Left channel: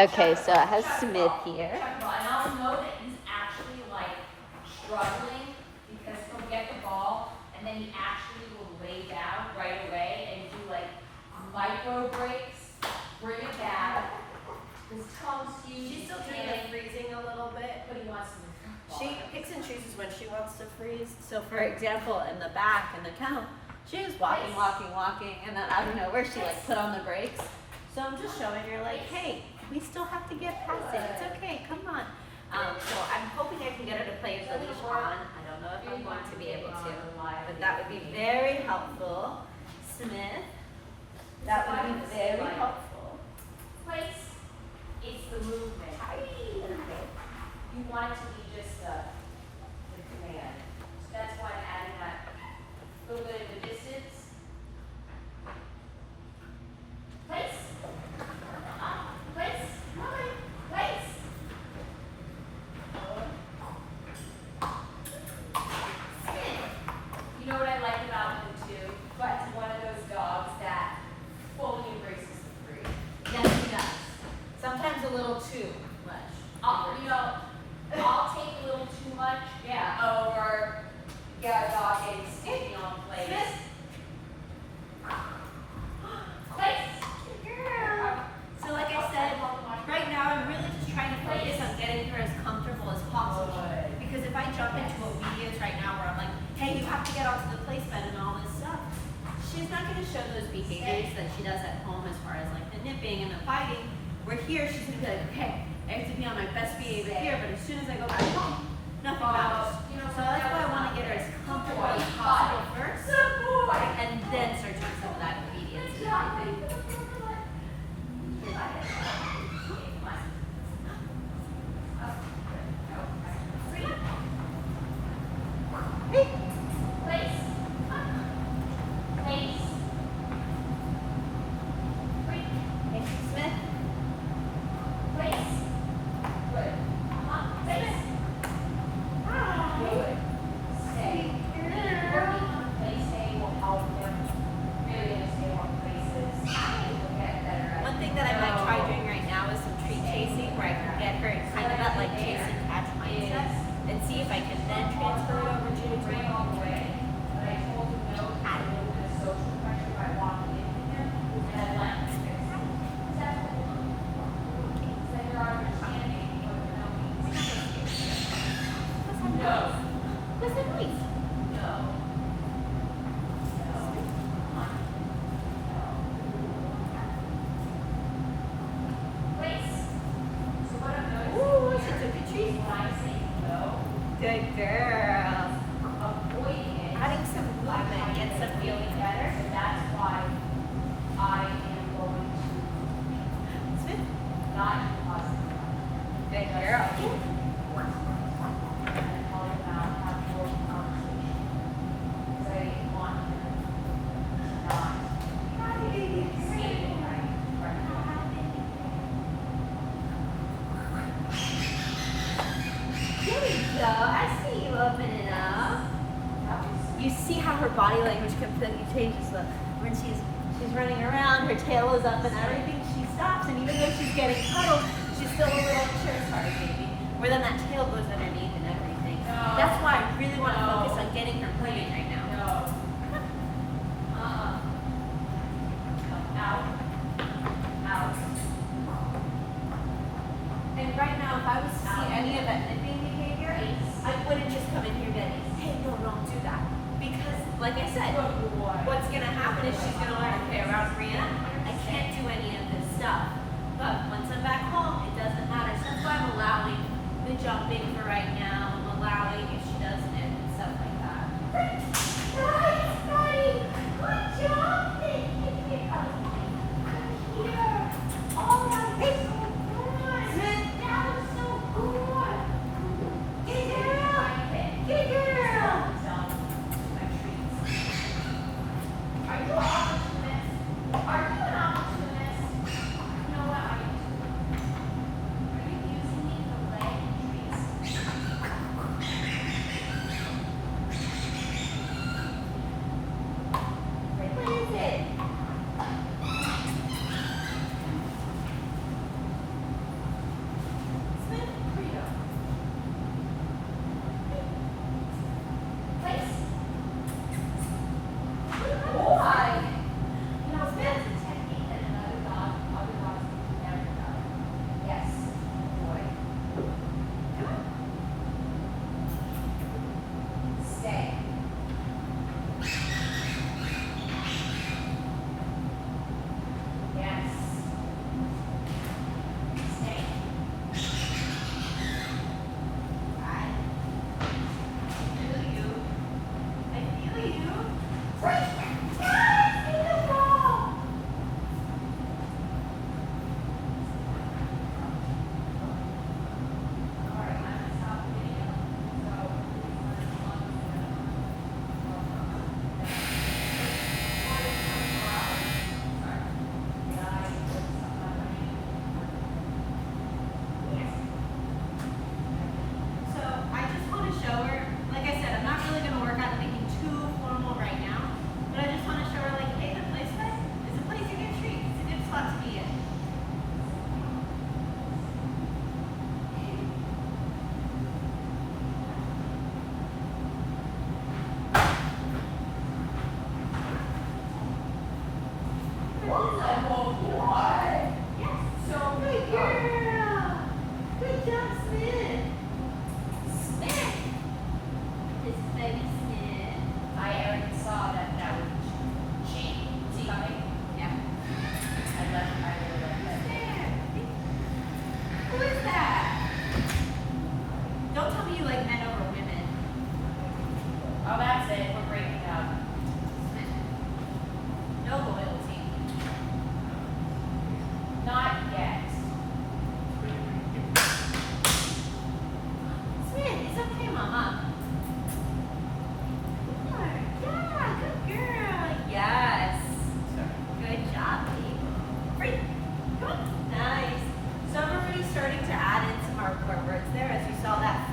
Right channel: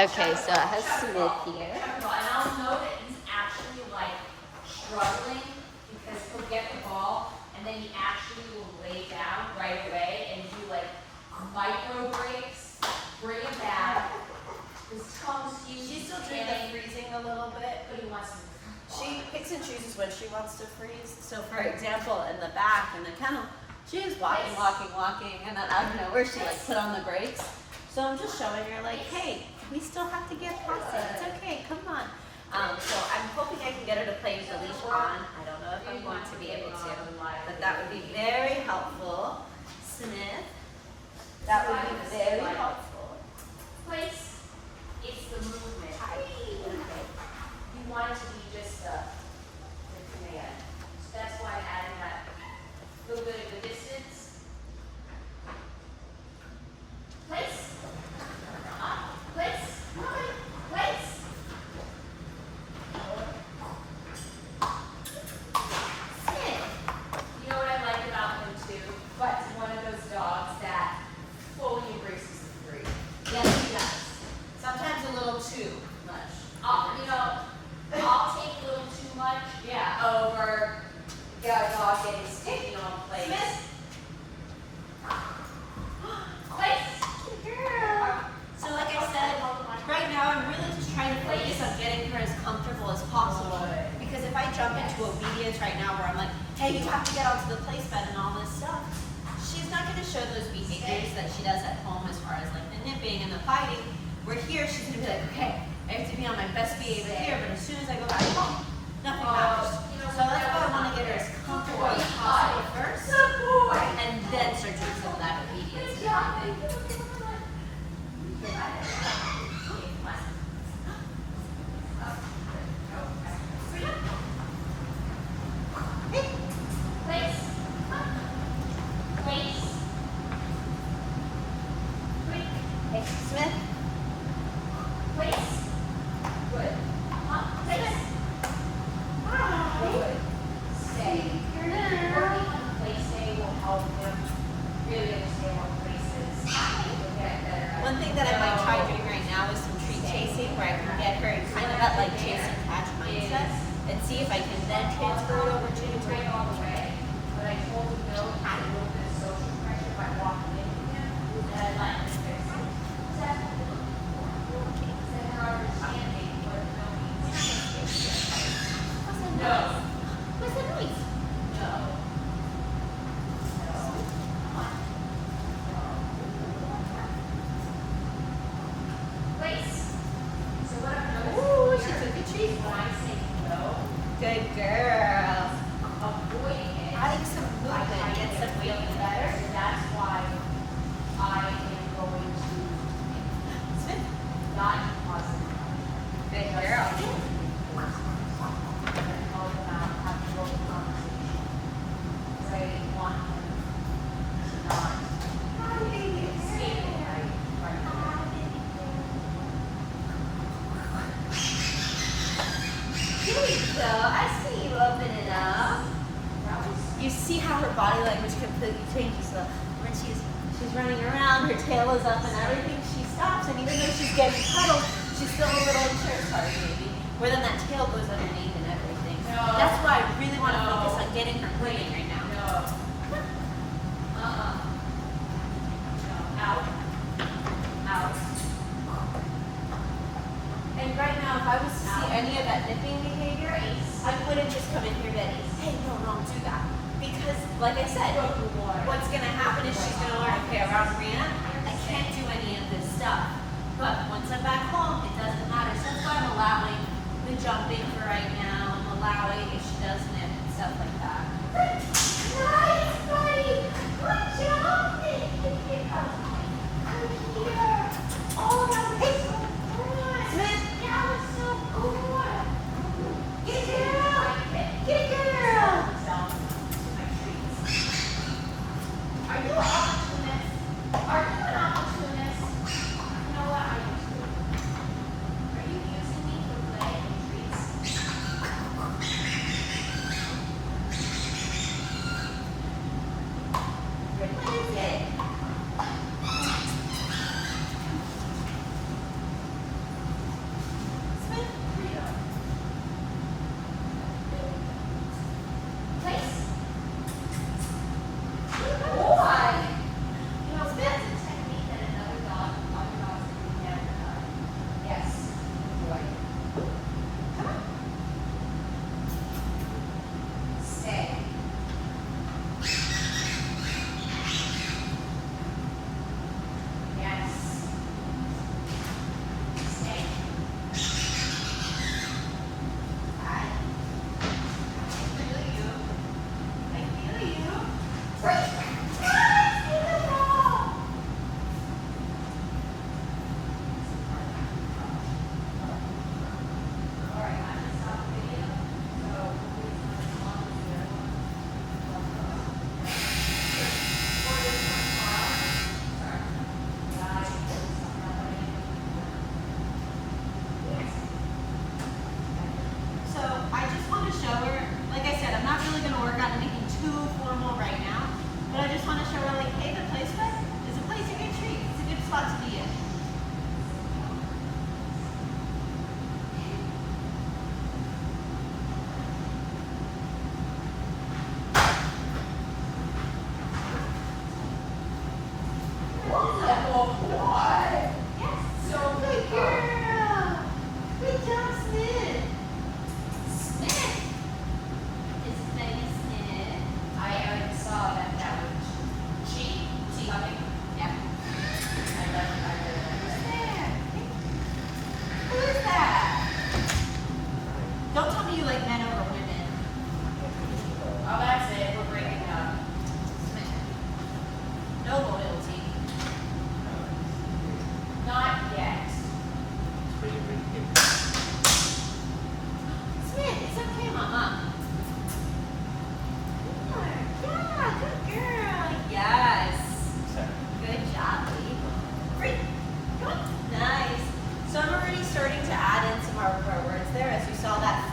Okay, so I have Smith here. And I'll know that he's actually like struggling because he'll get the ball and then he actually will lay down right away and do like micro breaks, bring it down. His toes huge. She's still kind of freezing a little bit. But he wants to move. She picks and chooses when she wants to freeze. So for example, in the back, in the kennel, she was walking, and then out of nowhere she like put on the brakes. So I'm just showing her like, hey, we still have to get past it. It's okay, come on. So I'm hoping I can get her to play with the leash on. I don't know if I'm going to be able to, but that would be very helpful. Smith, that would be very helpful. Place. It's the movement. Okay. You want it to be just the command. So that's why I added that little bit of the distance. Place. Place. Place. You know what I like about him too? But one of those dogs that fully embraces the breed. Yes, he does. Sometimes a little too much. I'll take a little too much. Yeah. Over, got a dog getting sticky on place. Smith. Place. So like I said, right now I'm really just trying to focus on getting her as comfortable as possible. Because if I jump into obedience right now where I'm like, hey, you have to get onto the place bed and all this stuff, she's not going to show those behaviors that she does at home as far as like the nipping and the fighting. Where here she's going to be like, okay, I have to be on my best behavior here, but as soon as I go back home, nothing matters. So that's why I want to get her as comfortable as possible first, and then start doing some of that obedience and everything. Place. Place. Thank you, Smith. Place. Good. Place. Good. Stay. Working on the place stay will help them really understand what place is. You'll get better. One thing that I might try doing right now is some treat chasing where I can get her in kind of that like chase and catch mindset and see if I can then transfer it over to the Right train. all the way, but I told him no, I knew the social pressure by walking in with him, and I'd like to fix it. Then we're understanding what it means. No. What's the noise? No. Place. So what I'm doing Ooh, is she took a treat. when I say no, Good girl. avoiding it. Adding some movement gets them feeling better. That's why I am going to Smith. not fuss. Good girl. Here we go. I see you opening up. You see how her body language completely changes though. When she's running around, her tail is up and everything, she stops, and even though she's getting cuddled, she's still a little sure, sorry baby. Where then that tail goes underneath and everything. That's why I really want to focus on getting her moving right now. And right now, if I was to see any of that nipping behavior, I wouldn't just come in here and hey, no, don't do that. Because, like I said, what's going to happen is she's going to learn, okay, around Brianna, I can't do any of this stuff. But once I'm back home, it doesn't matter. So that's why I'm allowing the jumping for right now, allowing if she does nip and stuff like that. Nice, buddy. Good job. Oh, that was so good. Smith, that was so good. Get it out. Get it out. Are you an opportunist? Are you an opportunist? No.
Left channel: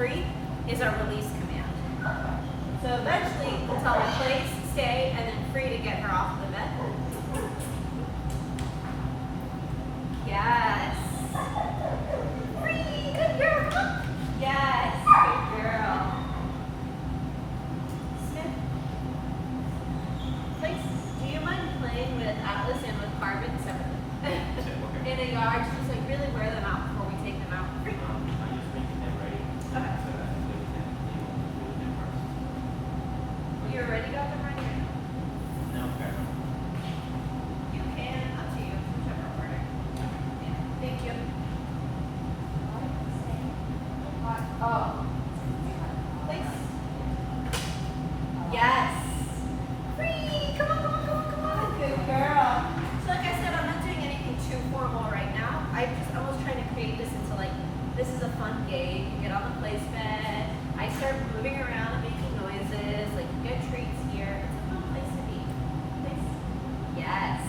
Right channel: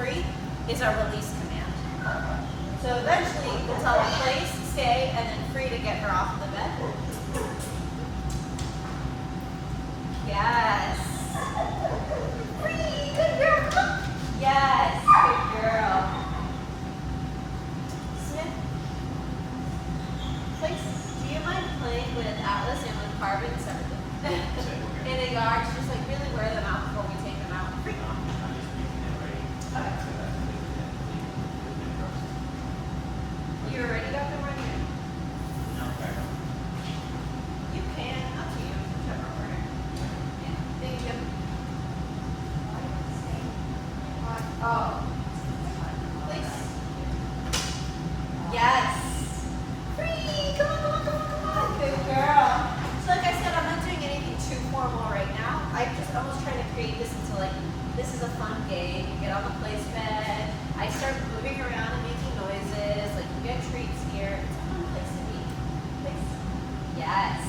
free is our release command. So eventually we'll tell her place, stay, and then free to get her off of the bed. Yes. Free, good girl, come on. Yes, good girl. Smith. Place. Do you mind playing with Atlas and with Carbon separately? In a yard, just like really wear them out before we take them out. Free. Okay. You already got them ready? You can, up to you, whichever order. Yeah. Thank you. Oh. Place. Yes. Free! Come on, come on, come on, come on. Good girl. So like I said, I'm not doing anything too formal right now. I was trying to create this into like, this is a fun game. You get on the place bed. I start moving around and making noises. Like you get treats here. It's a fun place to be. Place. Yes.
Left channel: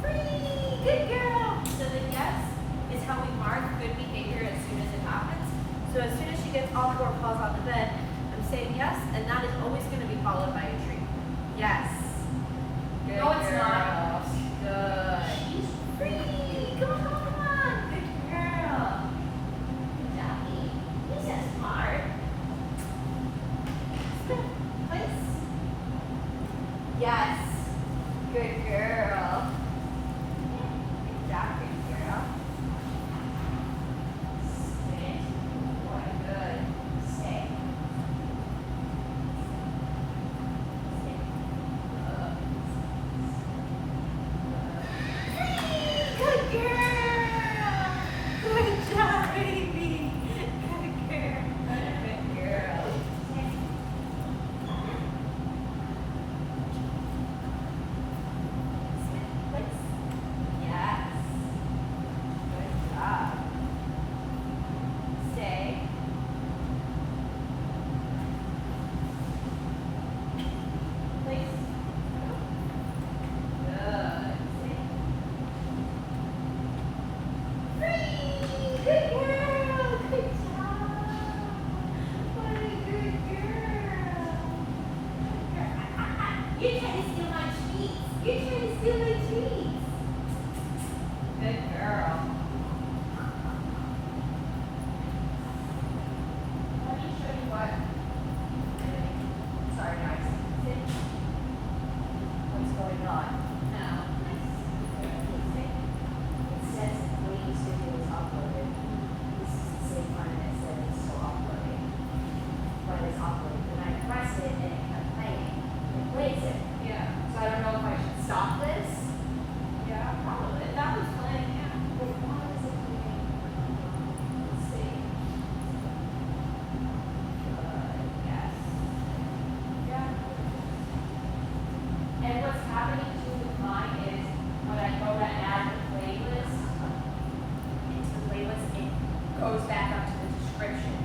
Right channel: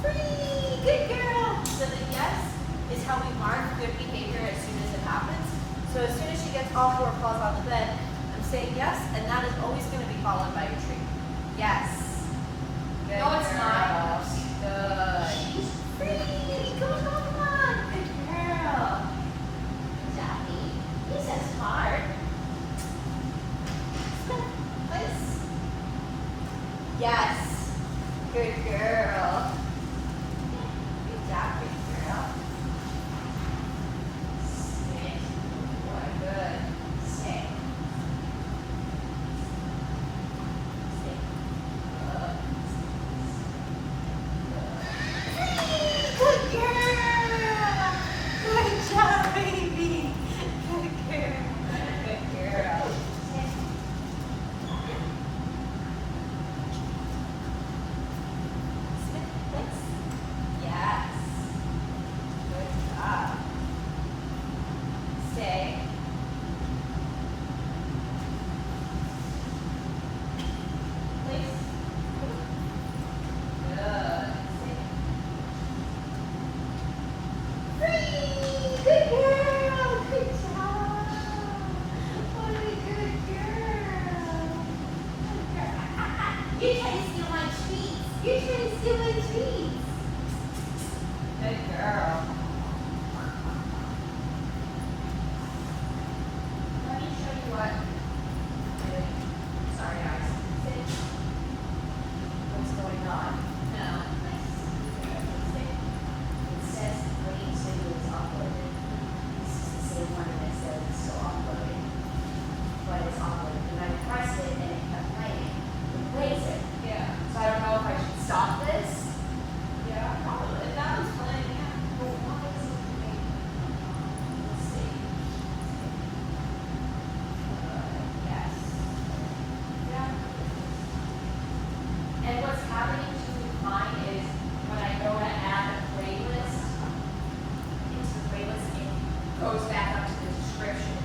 Free! Good girl. So the yes is how we mark good behavior as soon as it happens. So as soon as she gets all four paws on the bed, I'm saying yes, and that is always going to be followed by a treat. Yes. Good No, it's girl. not. Good. Free! Come on, come on, come on. Good girl. Jackie, this is hard. Place. Yes. Good girl. Good job, good girl. Sit. Good. Sit. Sit. Good girl. Good job, baby. Good girl. Good girl. Sit. Sit. Place. Yes. Good job. Stay. Place. Good. Free! Good girl! Good job! What a good girl! You're trying to steal my treats! You're trying to steal my treats! Good girl. Let me show you what. Sorry guys. Sit. What's going on? No. It says latest video is uploaded. This is the same one that says it's still uploaded. But it's uploaded. And I press it and it kept playing. It plays it. Yeah. So I don't know if I should stop this. Yeah, probably. That was playing, yeah. But why is it doing? Let's see. Yes. Yeah. And what's happening to mine is when I go to add the playlist into the playlist, it goes back up to the description.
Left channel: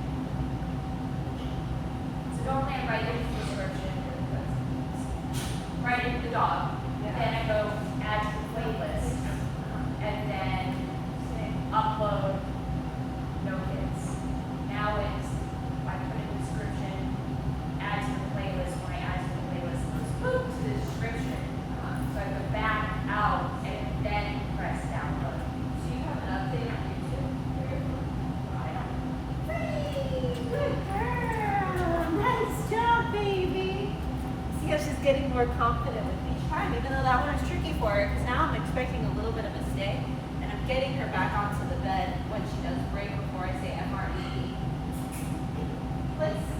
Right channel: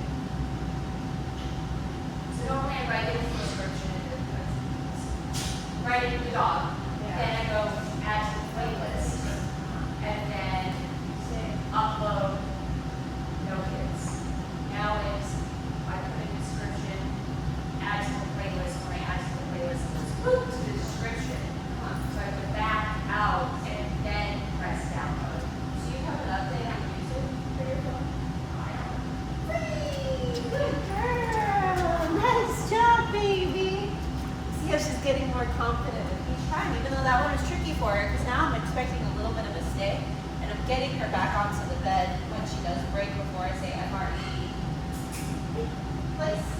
So normally I write in the description, write in the dog. Yeah. Then I go add to the playlist, and then upload. No hits. Now it's I put in the description, add to the playlist. When I add to the playlist, it goes boop to the description. So I go back out and then press download. So you have an update on YouTube? Good girl. Nice job, baby. See how she's getting more confident with each time, even though that one was tricky for her, because now I'm expecting a little bit of a stay, and I'm getting her back onto the bed when she does break before I say MRE. Place.